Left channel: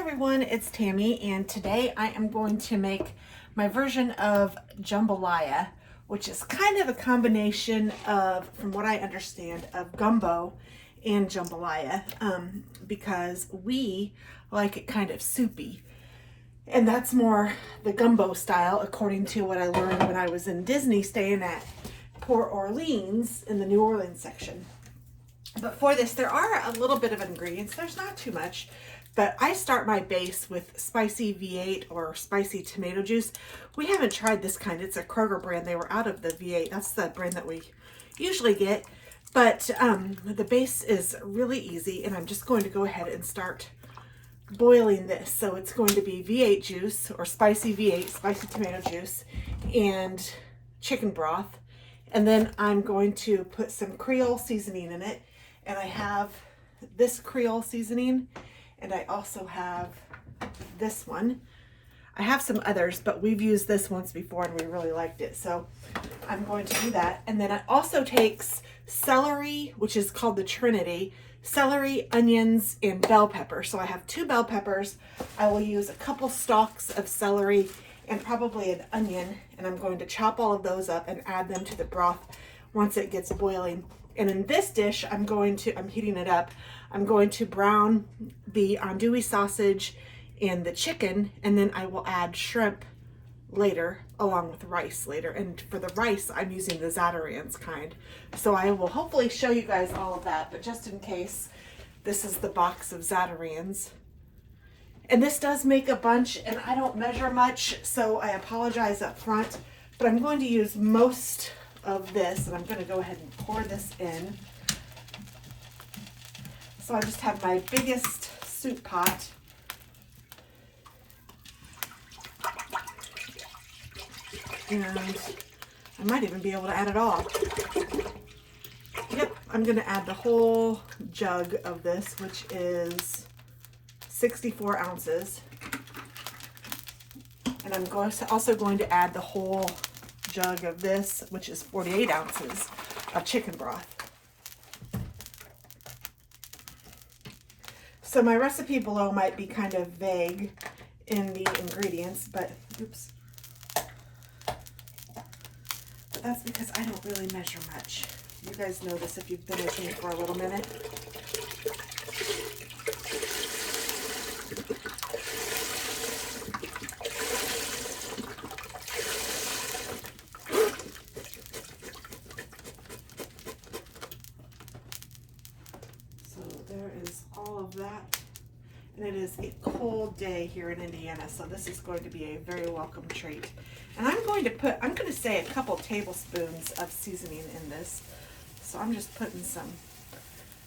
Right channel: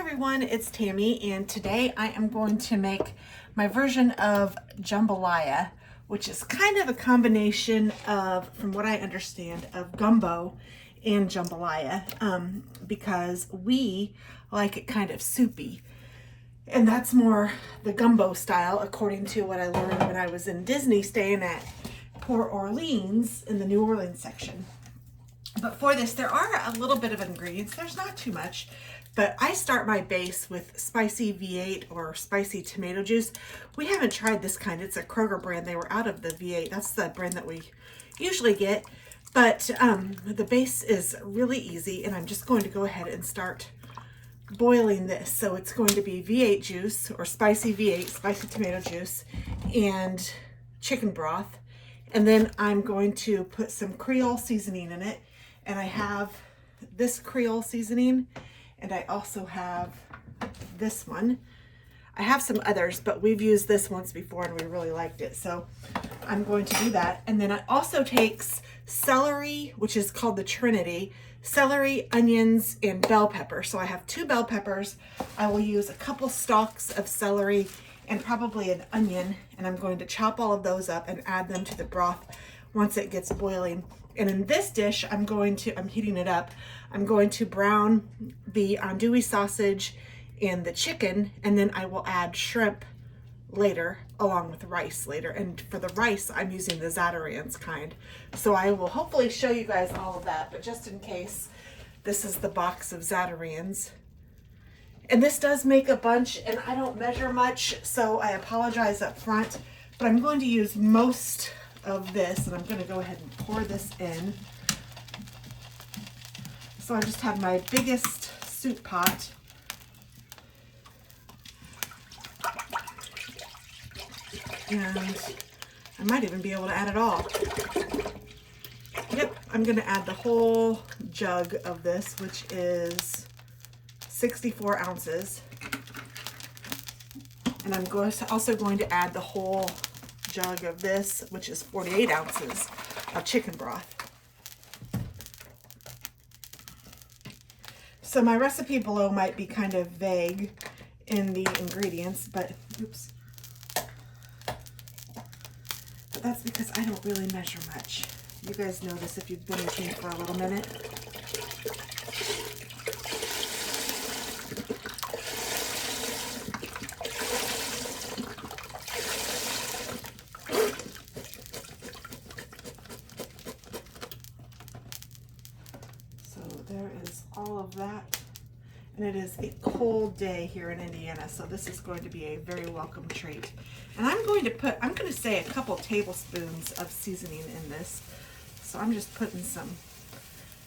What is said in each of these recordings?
everyone, it's Tammy, and today I am going to make my version of jambalaya, which is kind of a combination of, from what I understand, of gumbo and jambalaya, because we like it kind of soupy. And that's more the gumbo style, according to what I learned when I was in Disney staying at Port Orleans in the New Orleans section. But for this, there are a little bit of ingredients. There's not too much, but I start my base with spicy V8 or spicy tomato juice. We haven't tried this kind. It's a Kroger brand. They were out of the V8. That's the brand that we usually get. But the base is really easy, and I'm just going to go ahead and start boiling this. So it's going to be V8 juice or spicy V8, spicy tomato juice, and chicken broth. And then I'm going to put some Creole seasoning in it. And I have this Creole seasoning, and I also have this one. I have some others, but we've used this once before and we really liked it. So I'm going to do that. And then it also takes celery, which is called the Trinity, celery, onions, and bell pepper. So I have 2 bell peppers. I will use a couple stalks of celery and probably an onion. And I'm going to chop all of those up and add them to the broth once it gets boiling. And in this dish, I'm heating it up. I'm going to brown the andouille sausage and the chicken, and then I will add shrimp later along with rice later. And for the rice, I'm using the Zataran's kind. So I will hopefully show you guys all of that, but just in case, this is the box of Zataran's. And this does make a bunch, and I don't measure much, so I apologize up front, but I'm going to use most of this, and I'm going to go ahead and pour this in. So I just have my biggest soup pot. And I might even be able to add it all. Yep, I'm going to add the whole jug of this, which is 64 ounces. And I'm also going to add the whole jug of this, which is 48 ounces of chicken broth. So my recipe below might be kind of vague in the ingredients, but oops. But that's because I don't really measure much. You guys know this if you've been with me for a little minute. There is all of that, and it is a cold day here in Indiana, so this is going to be a very welcome treat. And I'm going to say a couple tablespoons of seasoning in this. So I'm just putting some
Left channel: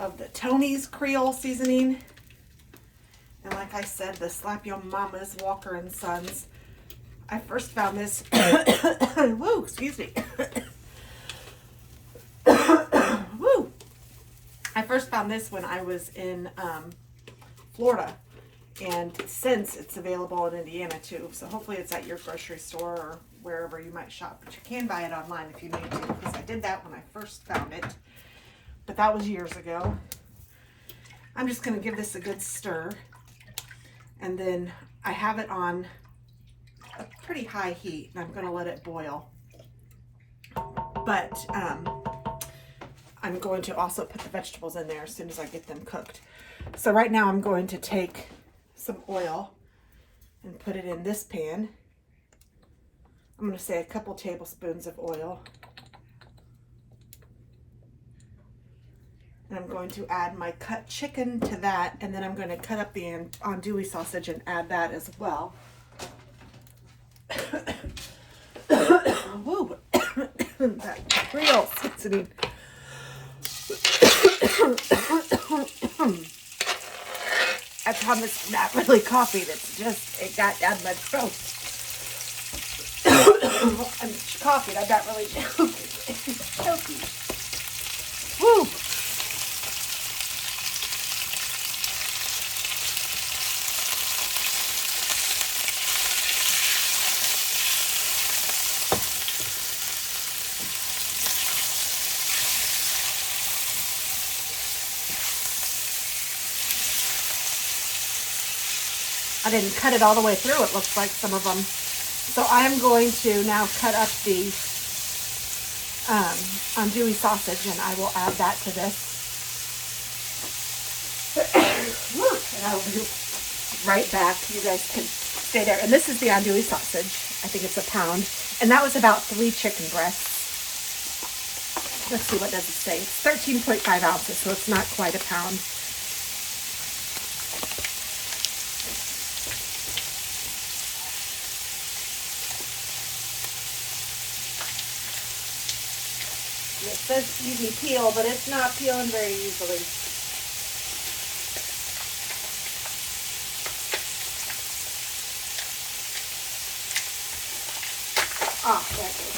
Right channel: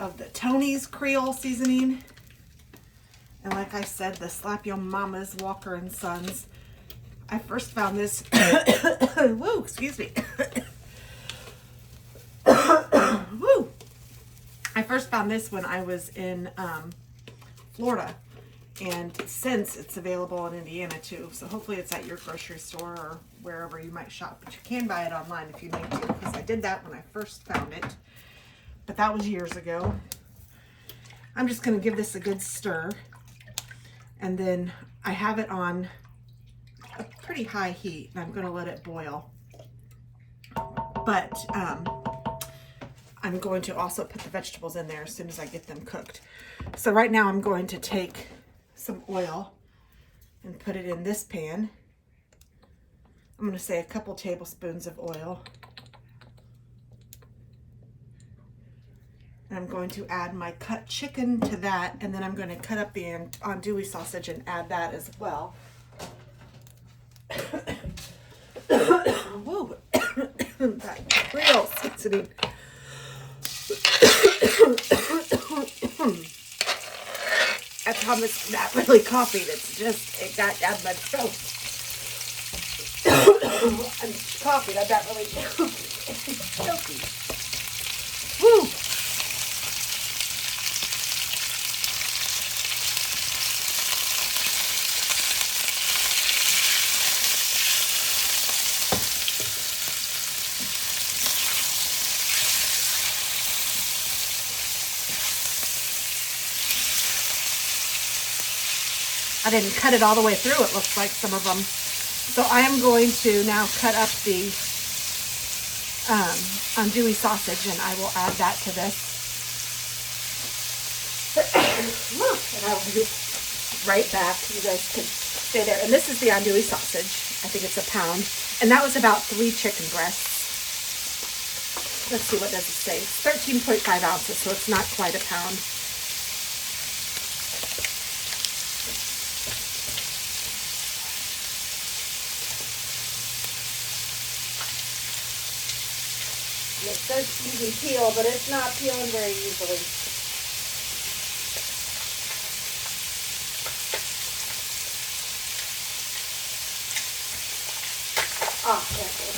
of the Tony's Creole seasoning, and like I said, the Slap Your Mama's Walker and Sons. I first found this woo, excuse me. Woo. I first found this when I was in Florida, and since it's available in Indiana too, so hopefully it's at your grocery store or wherever you might shop, but you can buy it online if you need to, because I did that when I first found it, but that was years ago. I'm just going to give this a good stir, and then I have it on a pretty high heat, and I'm going to let it boil, but I'm going to also put the vegetables in there as soon as I get them cooked. So right now I'm going to take some oil and put it in this pan. I'm going to say a couple tablespoons of oil. And I'm going to add my cut chicken to that, and then I'm going to cut up the andouille sausage and add that as well. Woo. That Creole seasoning. I promise, not really coughing, it's just, it got down my throat. I'm coughing, I'm not really choking. Woo! I didn't cut it all the way through, it looks like, some of them. So I am going to now cut up the andouille sausage, and I will add that to this. And I'll be right back. You guys can stay there. And this is the andouille sausage. I think it's a pound. And that was about 3 chicken breasts. Let's see, what does it say? It's 13.5 ounces, so it's not quite a pound. It says easy peel, but it's not peeling very easily. Oh, there it is.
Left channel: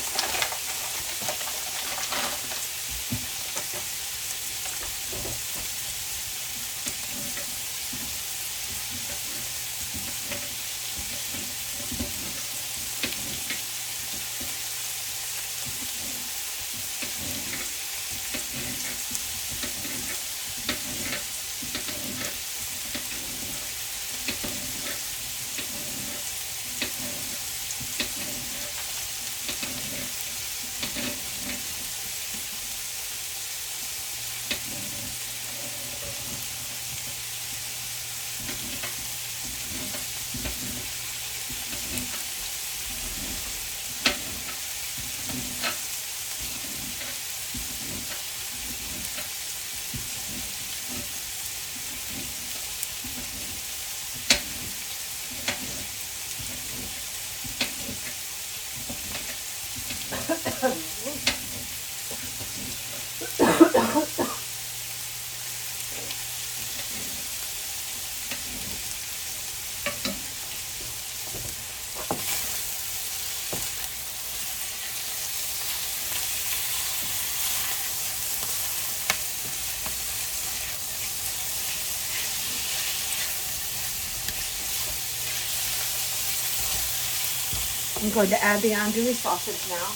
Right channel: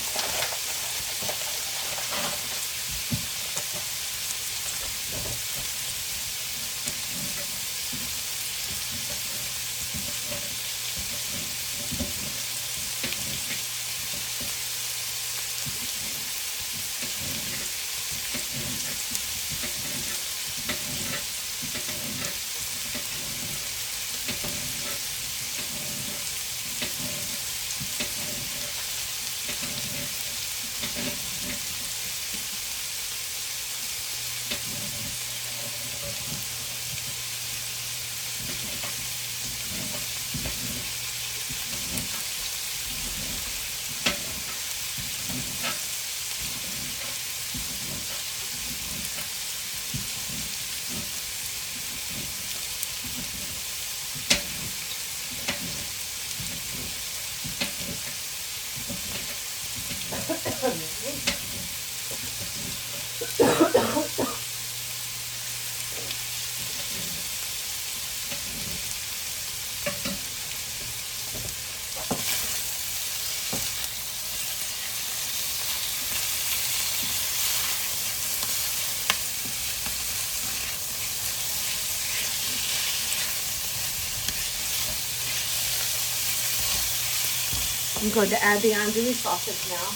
I'm going to add the andouille sausage now.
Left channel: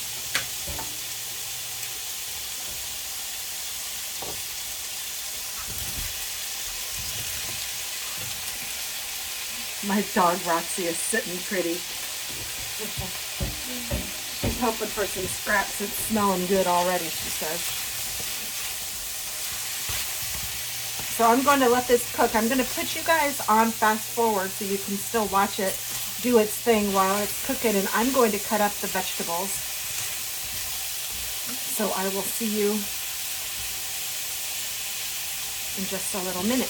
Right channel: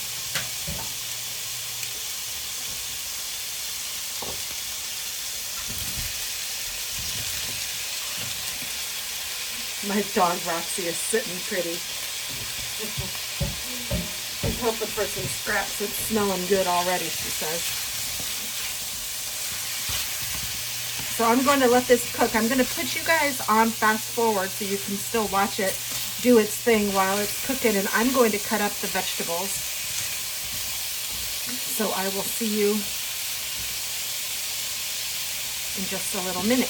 My dog Roxy is sitting pretty. She's hoping for some scraps. It's smelling good already, she says. So I'm going to let this cook. I'm going to put you guys on fast forward so you can still watch it do its thing while it's cooking, and I'm going to cut up the vegetables. So I will see you in just a little minute.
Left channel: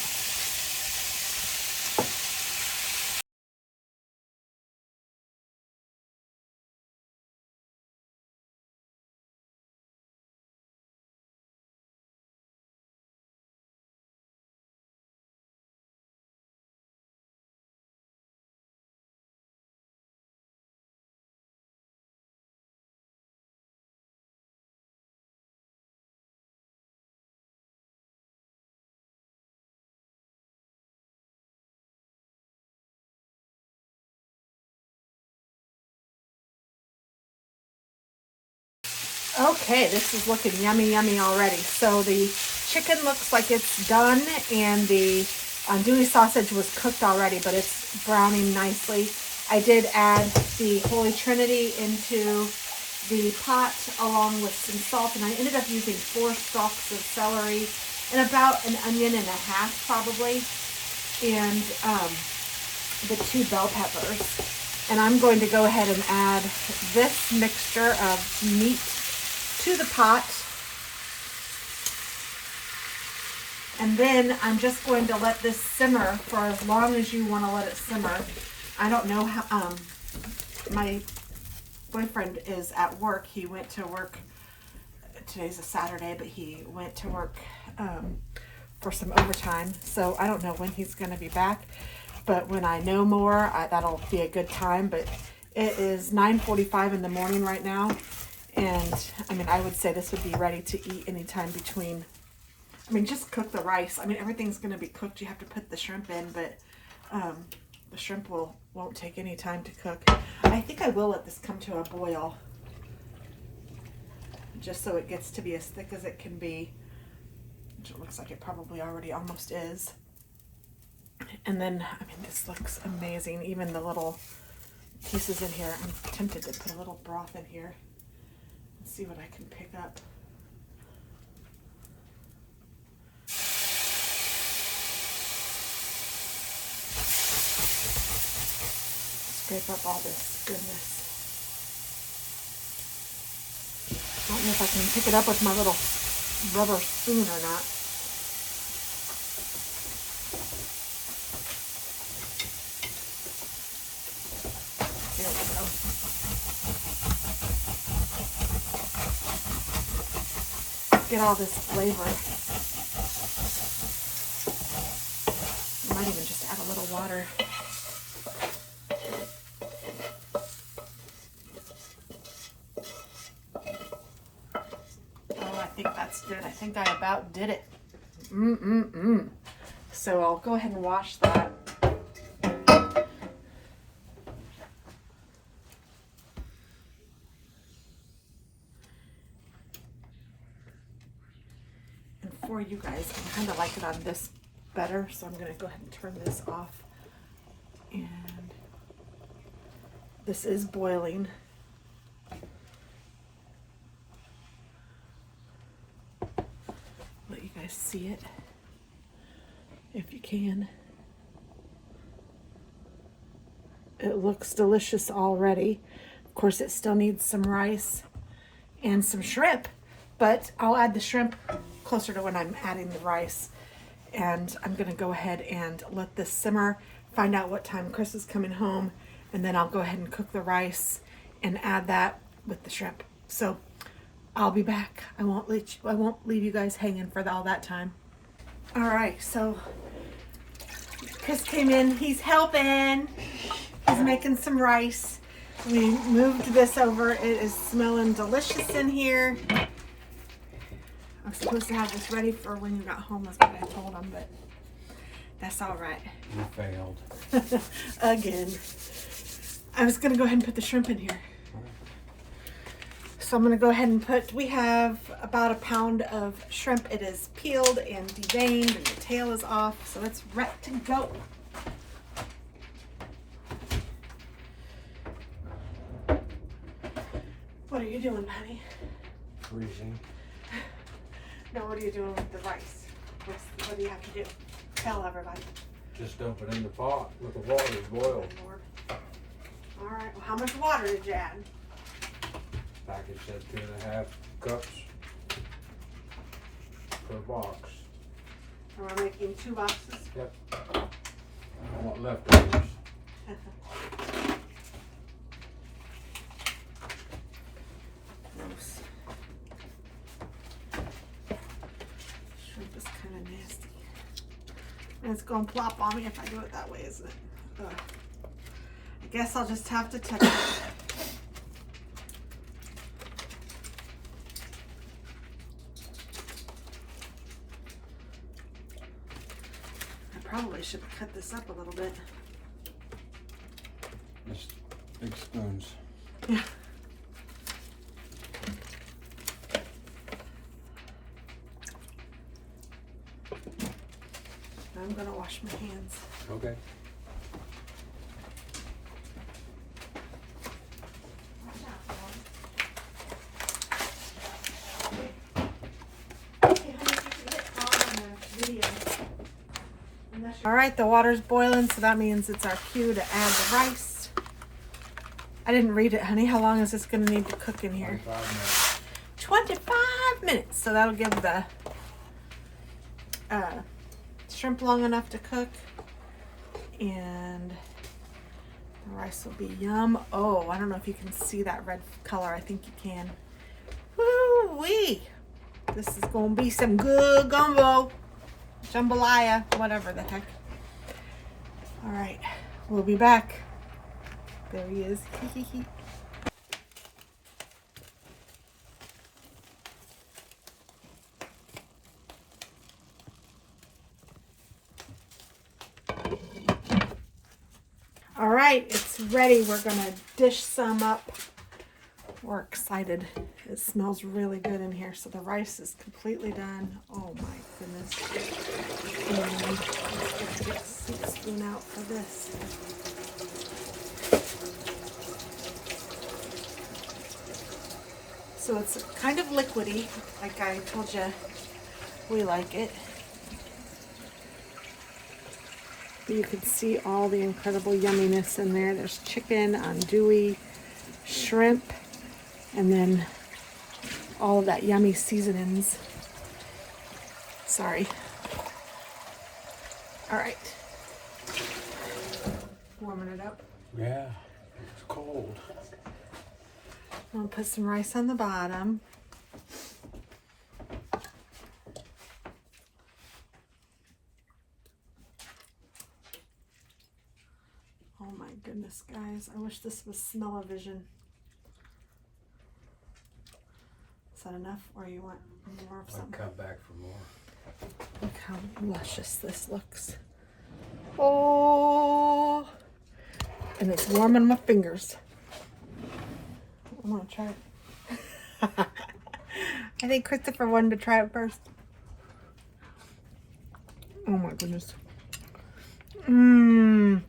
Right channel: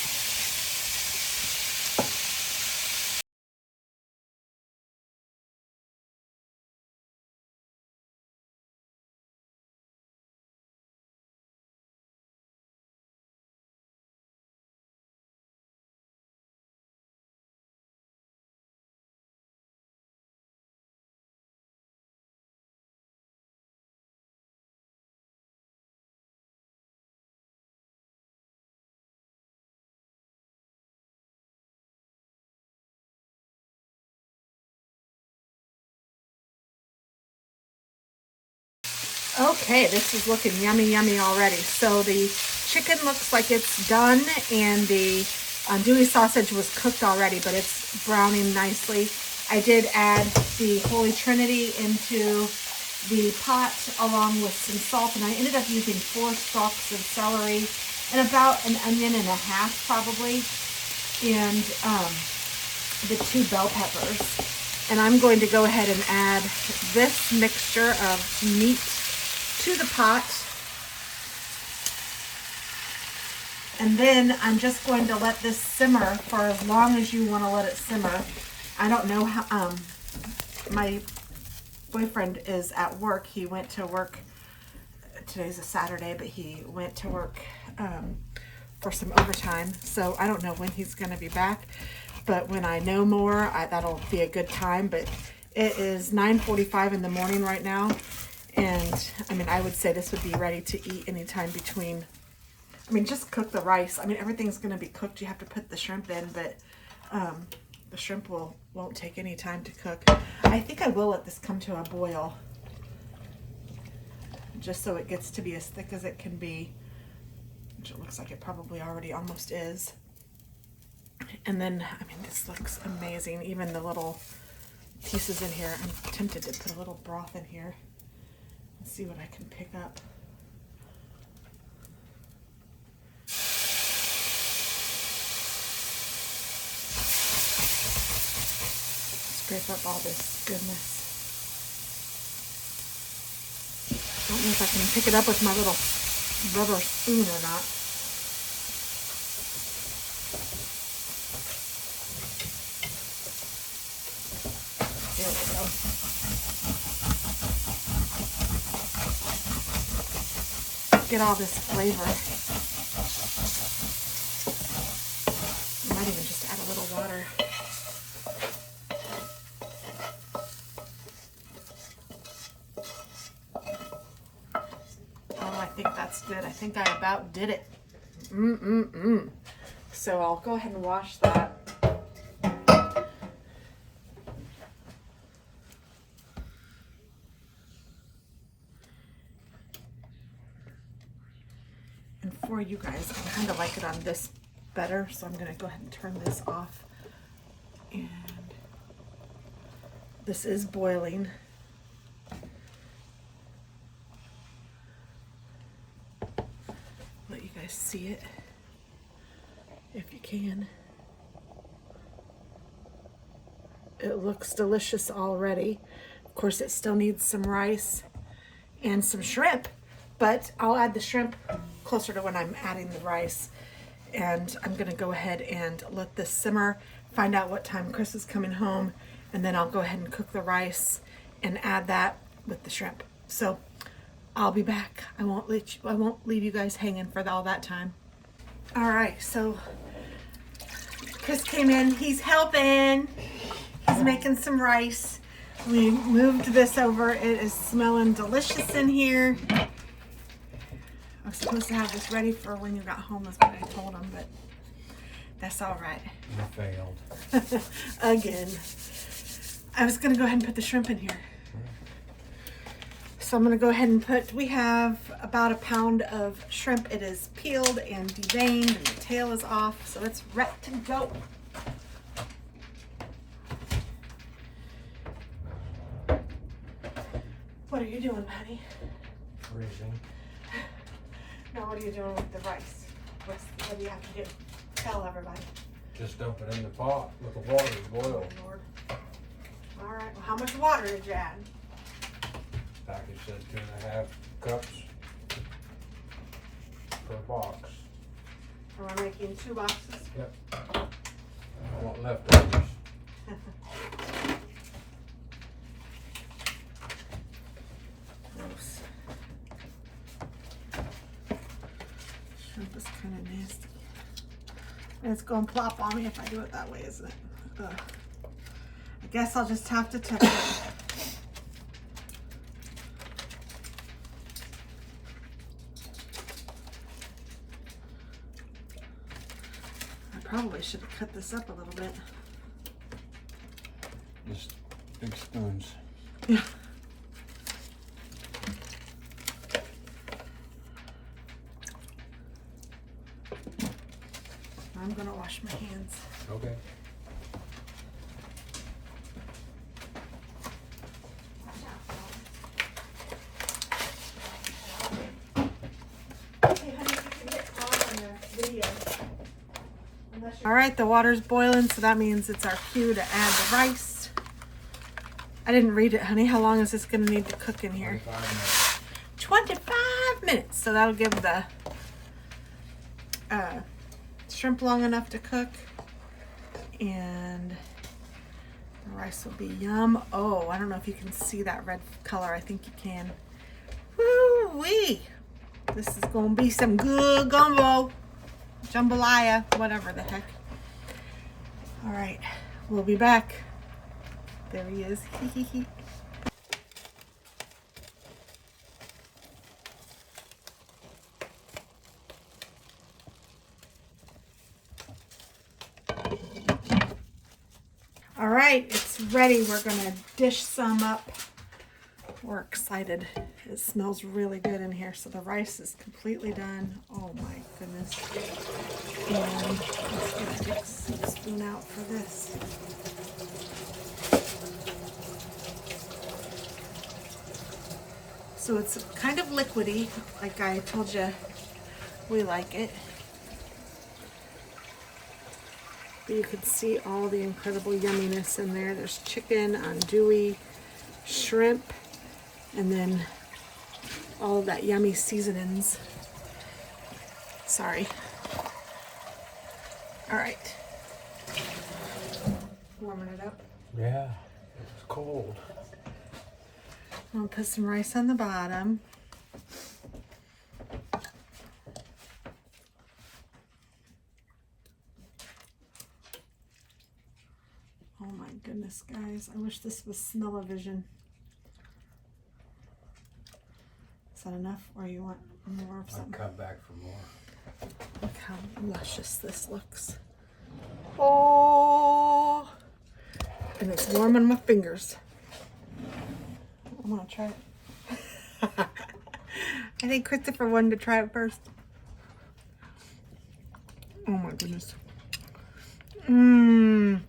Okay, this is looking yummy, yummy already. So the chicken looks like it's done, and the andouille sausage was cooked already, but it's browning nicely. I did add the Holy Trinity into the pot along with some salt, and I ended up using 4 stalks of celery and about an onion and a half probably, and the 2 bell peppers. And I'm going to go ahead and add this mixture of meat to the pot, and then I'm just going to let this simmer for as long as you want to let it simmer. I don't know how, my boyfriend is at work. He went to work, today's a Saturday, but he went to work for some overtime, so I don't know when he's going to be back, but when I know more, that'll be a good time. But it is 9:45 in the morning right now. And I mean, I would say this would be ready to eat anytime between, I mean, just cook the rice. I mean, everything's going to be cooked. You have to put the shrimp in, but the shrimp won't take any time to cook. I think I will let this come to a boil, just so it gets to be as thick as it can be, which it looks like it probably already almost is. And then, I mean, this looks amazing. Even the little pieces in here. I'm tempted to put a little broth in here and see what I can pick up. Scrape up all this goodness. I don't know if I can pick it up with my little rubber spoon or not. There we go. Get all this flavor. I might even just add a little water. Oh, I think that's good. I think I about did it. So I'll go ahead and wash that. And for you guys, I kind of like it on this better, so I'm going to go ahead and turn this off. And this is boiling. Let you guys see it if you can. It looks delicious already. Of course, it still needs some rice and some shrimp, but I'll add the shrimp closer to when I'm adding the rice. And I'm gonna go ahead and let this simmer, find out what time Chris is coming home, and then I'll go ahead and cook the rice and add that with the shrimp. So I'll be back. I won't leave you guys hanging for all that time. All right, so Chris came in, he's helping. He's making some rice. We moved this over. It is smelling delicious in here. I was supposed to have this ready for when you got home, that's what I told him, but that's all right. You failed. Again. I was going to go ahead and put the shrimp in here. So I'm going to go ahead and put, we have about a pound of shrimp. It is peeled and deveined and the tail is off, so it's ready to go. What are you doing, honey? Freezing. Now what are you doing with the rice? What do you have to do? Tell everybody. Just dump it in the pot with the water to boil. Lord. All right, well, how much water did you add? Package said 2.5 cups per box. Are we making 2 boxes? Yep. I want leftovers. Gross. Shrimp is kind of nasty. And it's going to plop on me if I do it that way, isn't it? Ugh. I guess I'll just have to touch it. I probably should cut this up a little bit. Just big spoons. Yeah. I'm gonna wash my hands. Okay. All right, the water's boiling, so that means it's our cue to add the rice. I didn't read it, honey. How long is this gonna need to cook in here? 25 minutes. 25 minutes. So that'll give the shrimp long enough to cook, and the rice will be yum. Oh, I don't know if you can see that red color. I think you can. Woo-wee! This is gonna be some good gumbo, jambalaya, whatever the heck. All right, we'll be back. There he is. All right, it's ready. We're gonna dish some up We're excited. It smells really good in here. So the rice is completely done. Oh my goodness. And let's get a soup spoon out for this. So it's kind of liquidy, like I told you we like it. You can see all the incredible yumminess in there. There's chicken, andouille, shrimp, and then all of that yummy seasonings. Sorry. All right. Warming it up. Yeah, it's cold. I'm gonna put some rice on the bottom. Oh my goodness, guys. I wish this was smell-o-vision. Is that enough, or you want more of I'll something? come back for more. Look how luscious this looks. Oh, and it's warm on my fingers. I'm gonna try it. I think Christopher wanted to try it first. Oh my goodness. Mmm.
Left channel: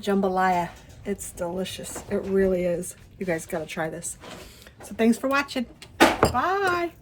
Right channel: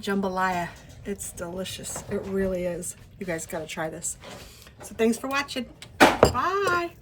Jambalaya. It's delicious. It really is. You guys gotta try this. So thanks for watching. Bye.